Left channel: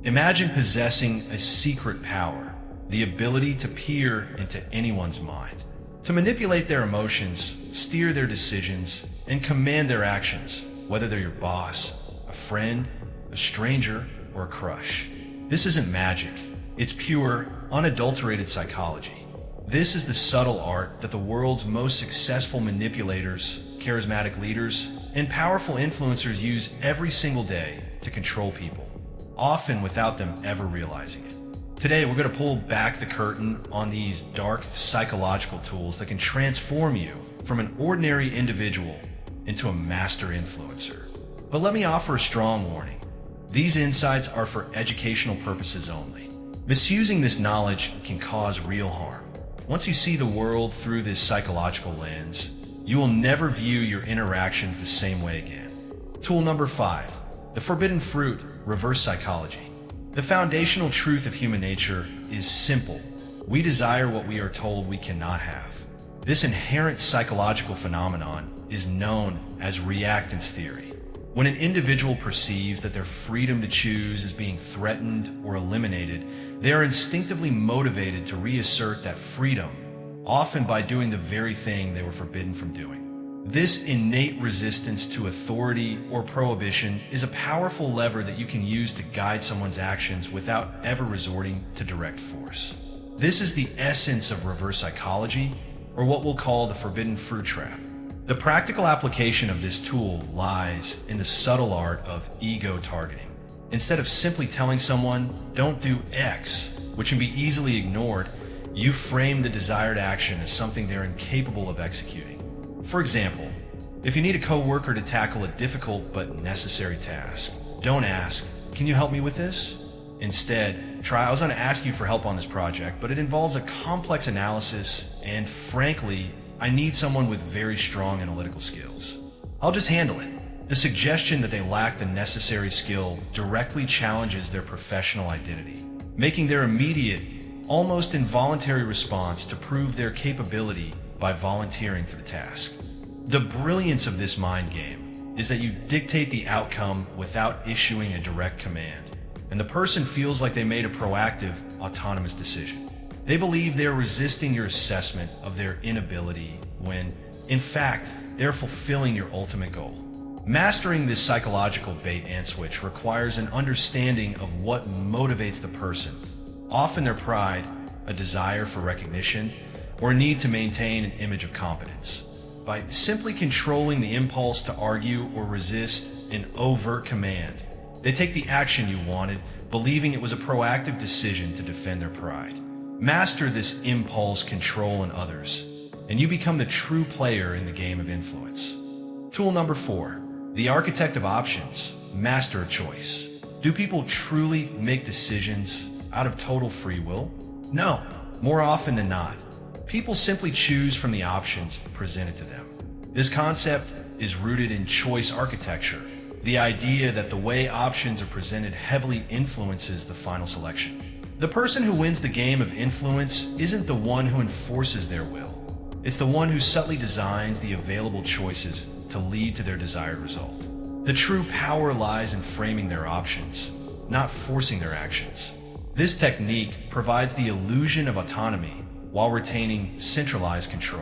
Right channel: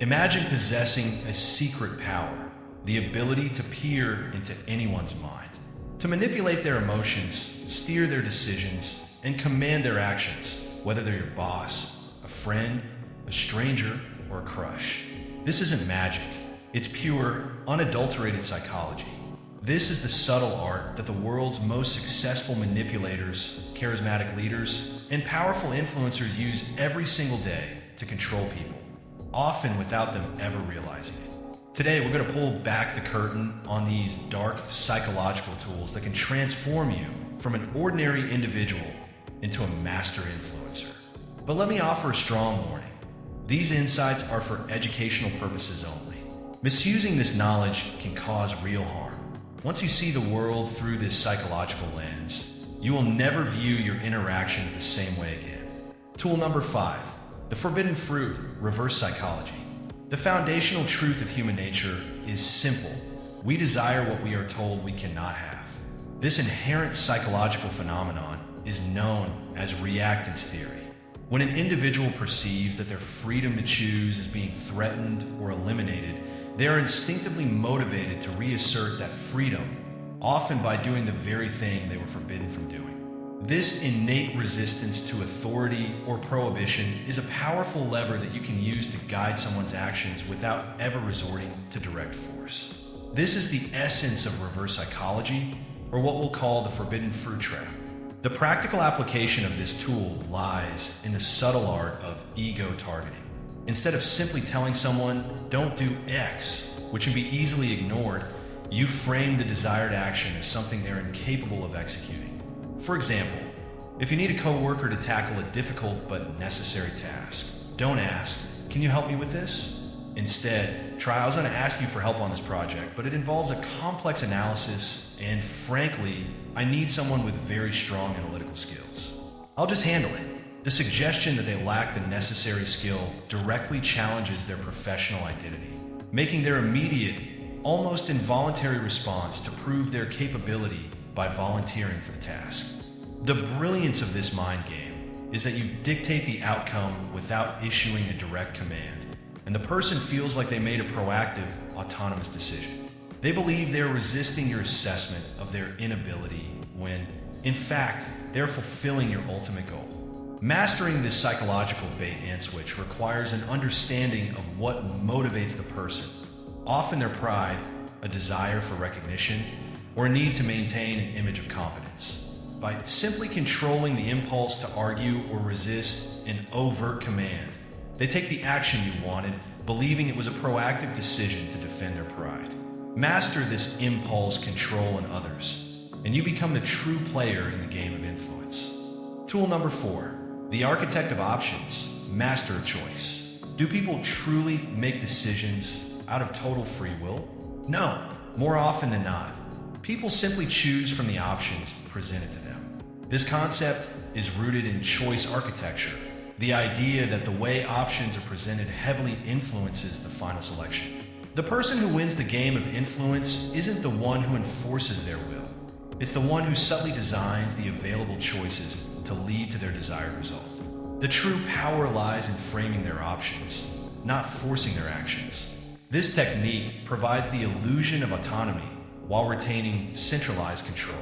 Imagine possessing a secret power, the ability to peer into anyone's mind, to manipulate their emotions, steer their decisions, and command their actions, whether they're your boss, a friend, a stranger, or a crush. This isn't magic. It's pure, unadulterated psychology. This is the subtle art that the world's most successful manipulators, charismatic leaders, and powerful influencers use every single day to control people, often without them ever realizing it. Today, we're going to pull back the curtain on these dark psychological tools that can transform you from an ordinary individual into a master influencer. But let me offer a strong warning. These insights are for educational purposes only. Misusing this knowledge can cause real harm. Once you see the world through this psychological lens, you will never view your interactions the same way again. Tool number 5, the forbidden fruit, reverse psychology. The foundational truth of human nature is simple. We desire what we are told we cannot have. This inherent psychological phenomenon is known as reactance theory. When an individual perceives that their freedom to choose is being threatened or eliminated, they are instinctively motivated to reassert that freedom, often by doing the very thing they were forbidden from doing. This innate resistance to authority or prohibition is a powerful lever that you can use to guide someone's actions without ever resorting to direct force. This is the essence of reverse psychology, or what we'll call the forbidden fruit trap. The practical application of this tool lies in the subtle art of ego targeting. Instead of simply telling someone, don't do X, which can be easily ignored, you frame the desired action as something they're incapable of executing. For example, if you need a coworker to tackle a difficult but necessary task, don't ask, can you help me with this? Instead, try, I was going to ask you for help on this project, but it involves a complex analysis, and frankly, I need someone with very strong analytical skills. I'll just handle it. The suggestion that they lack the necessary skill directly challenges their professional identity, making their immediate, almost involuntary response to prove their capability by volunteering for the task. The brilliance of this mind game is that you dictate the outcome without issuing a direct command, and the person feels like they made a proactive, autonomous decision. They believe they're resisting your assessment of their inability when, in fact, they're fulfilling your ultimate goal. Mastering this psychological bait and switch requires an understanding of what motivates the person, often their pride, a desire for recognition, or a need to maintain an image of competence. By simply controlling the impulse to argue or resist an overt command, they take the action you wanted, believing it was a proactive decision to defend their pride. Master this impulse control in others, and you become the true player in the game of influence. Tool number 4, the architect of options, master a choice. Do people truly make decisions out of total free will? No, more often than not. People simply choose from the options presented to them. This concept is rooted in choice architecture, the idea that the way options are presented heavily influences the final selection. The person who wins the game of influence isn't the one who enforces their will. It's the one who subtly designs the available choices to lead to their desired result. The true power lies in framing their options, not forcing their actions. This technique provides the illusion of autonomy while retaining centralized control.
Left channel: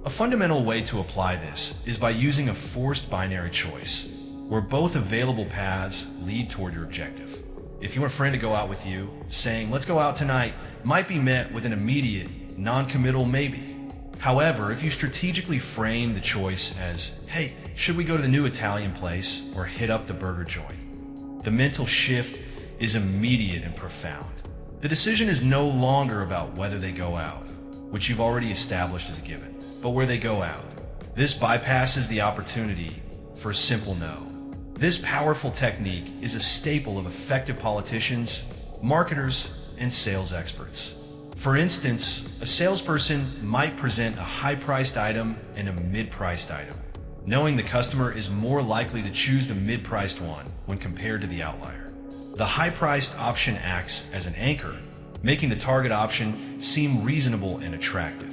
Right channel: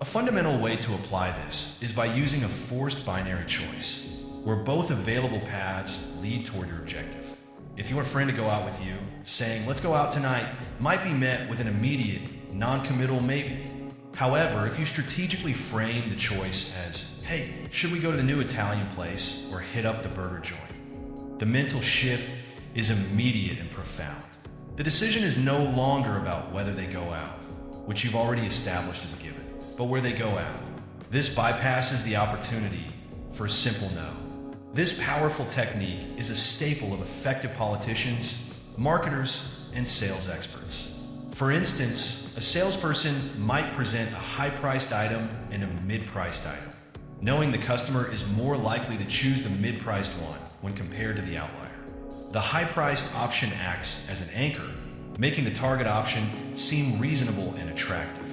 A fundamental way to apply this is by using a forced binary choice, where both available paths lead toward your objective. If you want a friend to go out with you, saying, let's go out tonight, might be met with an immediate, non-committal maybe. However, if you strategically frame the choice as, hey, should we go to the new Italian place or hit up the burger joint? The mental shift is immediate and profound. The decision is no longer about whether they go out, which you've already established as a given, but where they go out. This bypasses the opportunity for a simple no. This powerful technique is a staple of effective politicians, marketers, and sales experts. For instance, a salesperson might present a high-priced item and a mid-priced item, knowing the customer is more likely to choose the mid-priced one when compared to the outlier. The high-priced option acts as an anchor, making the target option seem reasonable and attractive.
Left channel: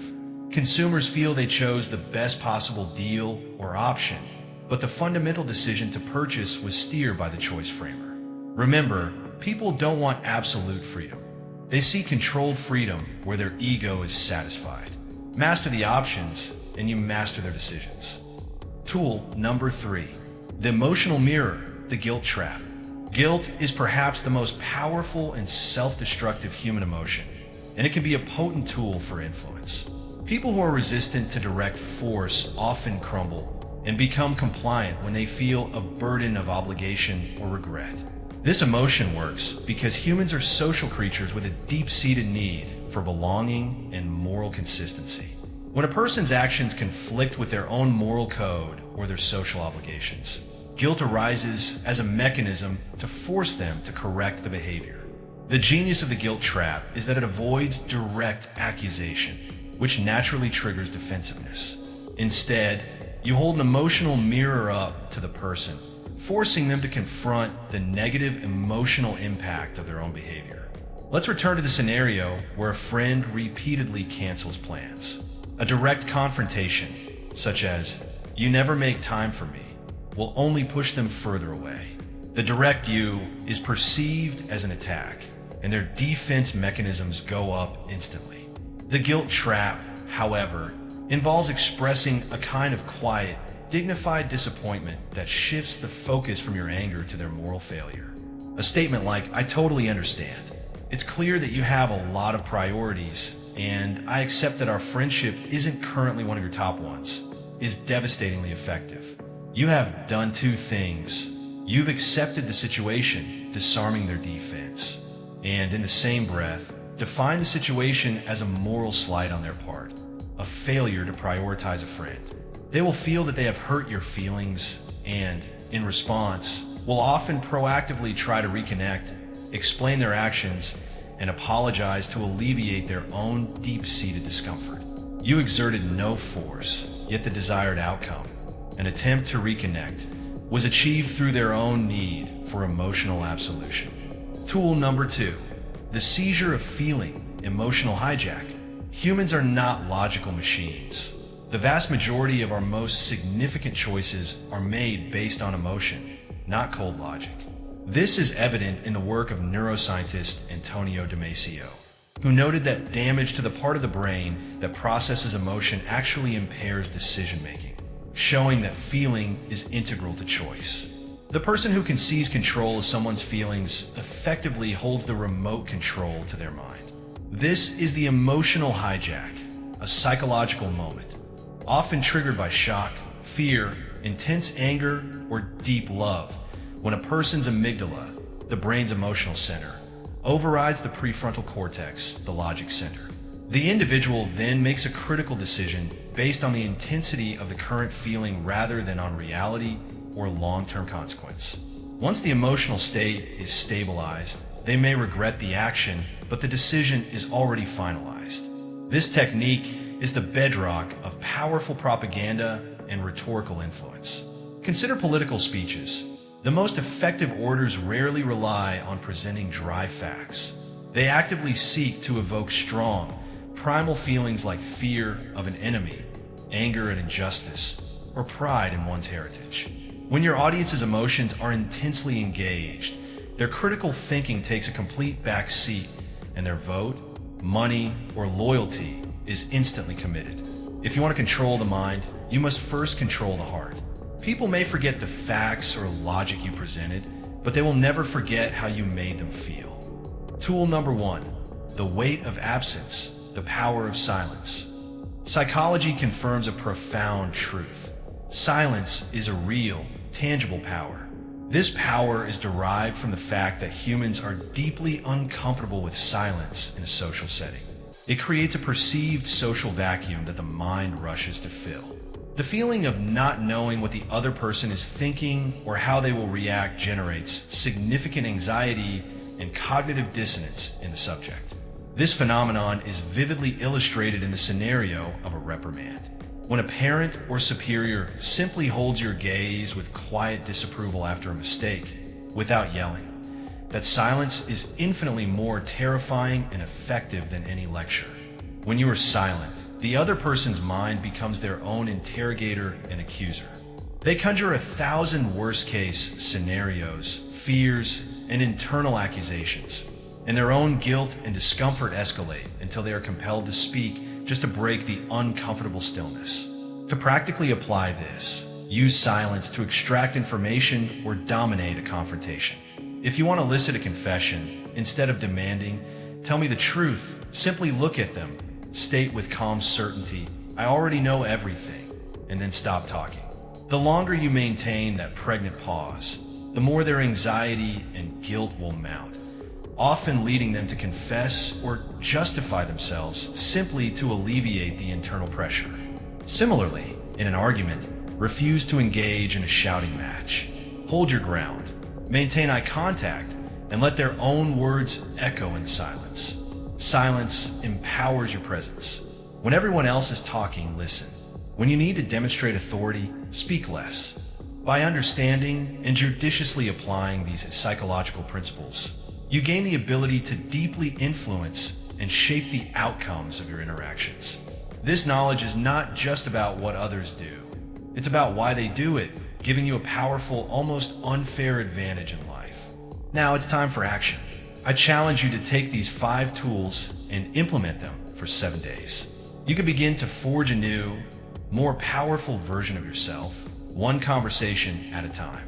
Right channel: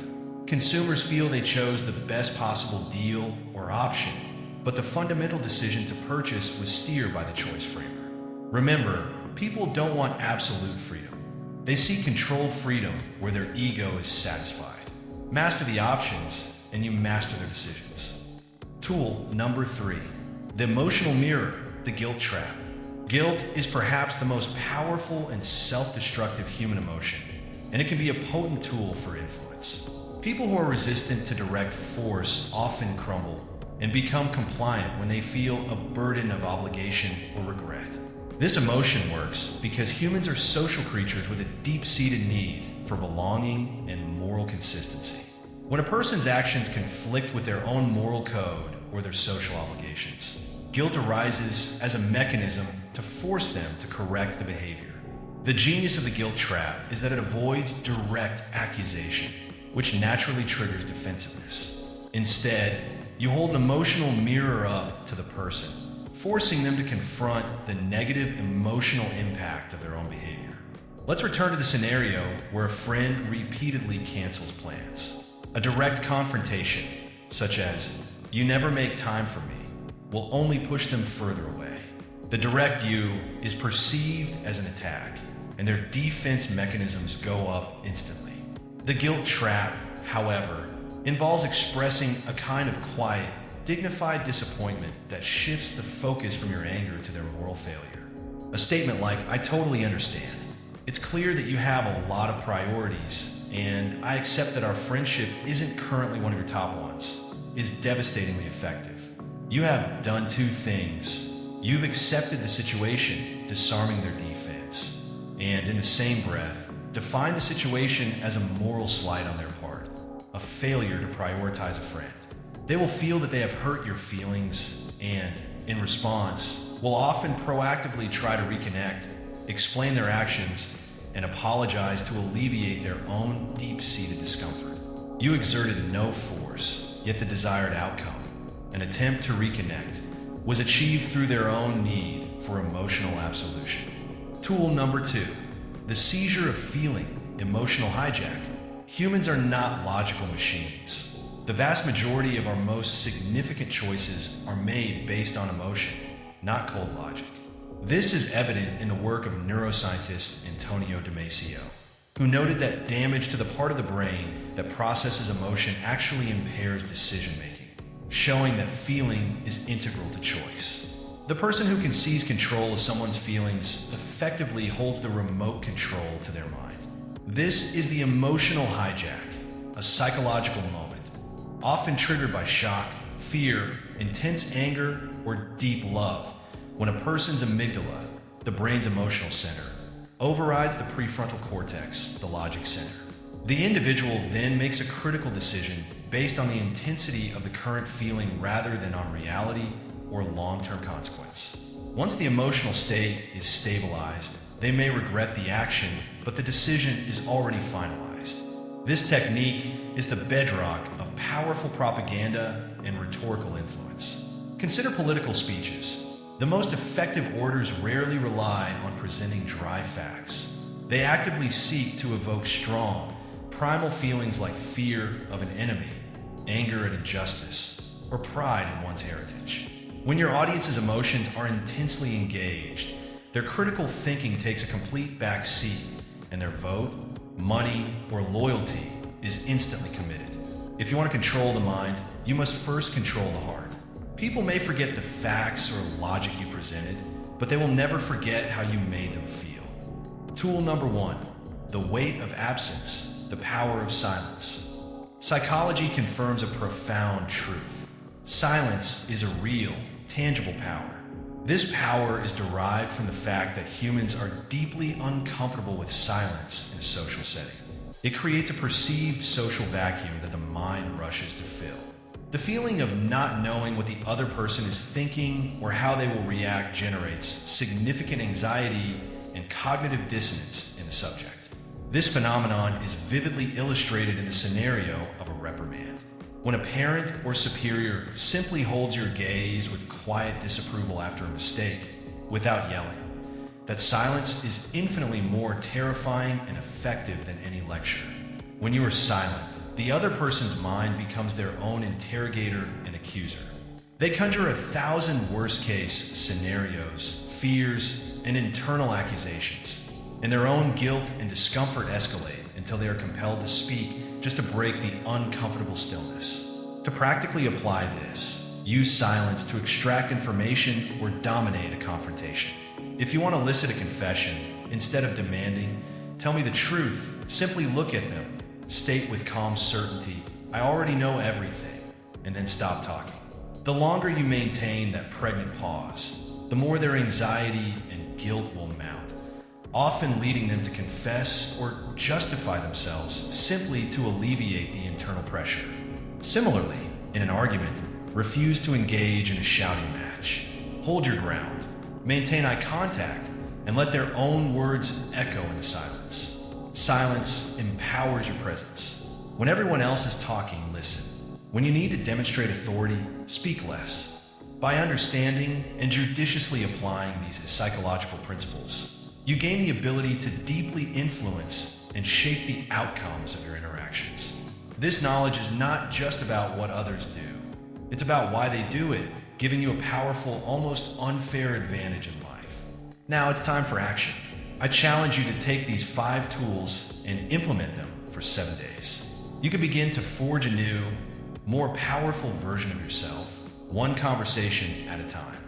Consumers feel they chose the best possible deal or option, but the fundamental decision to purchase was steered by the choice framer. Remember, people don't want absolute freedom. They seek controlled freedom where their ego is satisfied. Master the options, and you master their decisions. Tool number 3, the emotional mirror, the guilt trap. Guilt is perhaps the most powerful and self-destructive human emotion, and it can be a potent tool for influence. People who are resistant to direct force often crumble and become compliant when they feel a burden of obligation or regret. This emotion works because humans are social creatures with a deep-seated need for belonging and moral consistency. When a person's actions conflict with their own moral code or their social obligations, guilt arises as a mechanism to force them to correct the behavior. The genius of the guilt trap is that it avoids direct accusation, which naturally triggers defensiveness. Instead, you hold an emotional mirror up to the person, forcing them to confront the negative emotional impact of their own behavior. Let's return to the scenario where a friend repeatedly cancels plans. A direct confrontation, such as, "You never make time for me," will only push them further away. The direct "you" is perceived as an attack, and their defense mechanisms go up instantly. The guilt trap, however, involves expressing a kind of quiet, dignified disappointment that shifts the focus from your anger to their moral failure. A statement like, "I totally understand. It's clear that you have a lot of priorities, and I accept that our friendship isn't currently one of your top ones," is devastatingly effective. You have done two things. You've accepted the situation, disarming their defense, and in the same breath, define the situation as a moral slight on their part, a failure to prioritize a friend. They will feel that they have hurt your feelings and, in response, will often proactively try to reconnect, explain their actions, and apologize to alleviate their own deep-seated discomfort. You exerted no force, yet the desired outcome, an attempt to reconnect, was achieved through their own need for emotional absolution. Tool number 2, the seizure of feeling, emotional hijack. Humans are not logical machines. The vast majority of our most significant choices are made based on emotion, not cold logic. This is evident in the work of neuroscientist Antonio Damasio, who noted that damage to the part of the brain that processes emotion actually impairs decision-making, showing that feeling is integral to choice. The person who can seize control of someone's feelings effectively holds the remote control to their mind. This is the emotional hijack, a psychological moment, often triggered by shock, fear, intense anger, or deep love, when a person's amygdala, the brain's emotional center, overrides the prefrontal cortex, the logic center. The individual then makes a critical decision based on the intensity of the current feeling rather than on reality or long-term consequence. Once the emotional state is stabilized, they may regret the action, but the decision is already finalized. This technique is the bedrock of powerful propaganda and rhetorical influence. Consider political speeches. The most effective orators rarely rely on presenting dry facts. They actively seek to evoke strong, primal feelings like fear of an enemy, anger at injustice, or pride in one's heritage. When your audience's emotions are intensely engaged, their critical thinking takes a complete back seat, and their vote, money, or loyalty is instantly committed. If you want to control the mind, you must first control the heart. People may forget the facts or logic you presented, but they will never forget how you made them feel. Tool number 1, the weight of absence, the power of silence. Psychology confirms a profound truth. Silence is a real, tangible power. This power is derived from the fact that humans are deeply uncomfortable with silence in a social setting. It creates a perceived social vacuum that the mind rushes to fill. The feeling of not knowing what the other person is thinking or how they will react generates significant anxiety and cognitive dissonance in the subject. This phenomenon is vividly illustrated in the scenario of a reprimand. When a parent or superior simply holds your gaze with quiet disapproval after a mistake, without yelling, that silence is infinitely more terrifying and effective than any lecture. When you are silent, the other person's mind becomes their own interrogator and accuser. They conjure 1,000 worst-case scenarios, fears, and internal accusations, and their own guilt and discomfort escalate until they are compelled to speak just to break the uncomfortable stillness. To practically apply this, use silence to extract information or dominate a confrontation. If you want to elicit a confession, instead of demanding, "Tell me the truth," simply look at them, state with calm certainty, "I already know everything," and then stop talking. The longer you maintain that pregnant pause, the more their anxiety and guilt will mount, often leading them to confess or justify themselves simply to alleviate the internal pressure. Similarly, in an argument, refuse to engage in a shouting match. Hold your ground, maintain eye contact, and let their own words echo in silence. Silence empowers your presence. When everyone else is talking, listen. When you need to demonstrate authority, speak less. By understanding and judiciously applying these psychological principles, you gain the ability to deeply influence and shape the outcomes of your interactions. This knowledge is not just about what others do. It's about why they do it, giving you a powerful, almost unfair advantage in life. Now it's time for action. I challenge you to take these 5 tools and implement them for 7 days. You can begin to forge a new, more powerful version of yourself, one conversation at a time.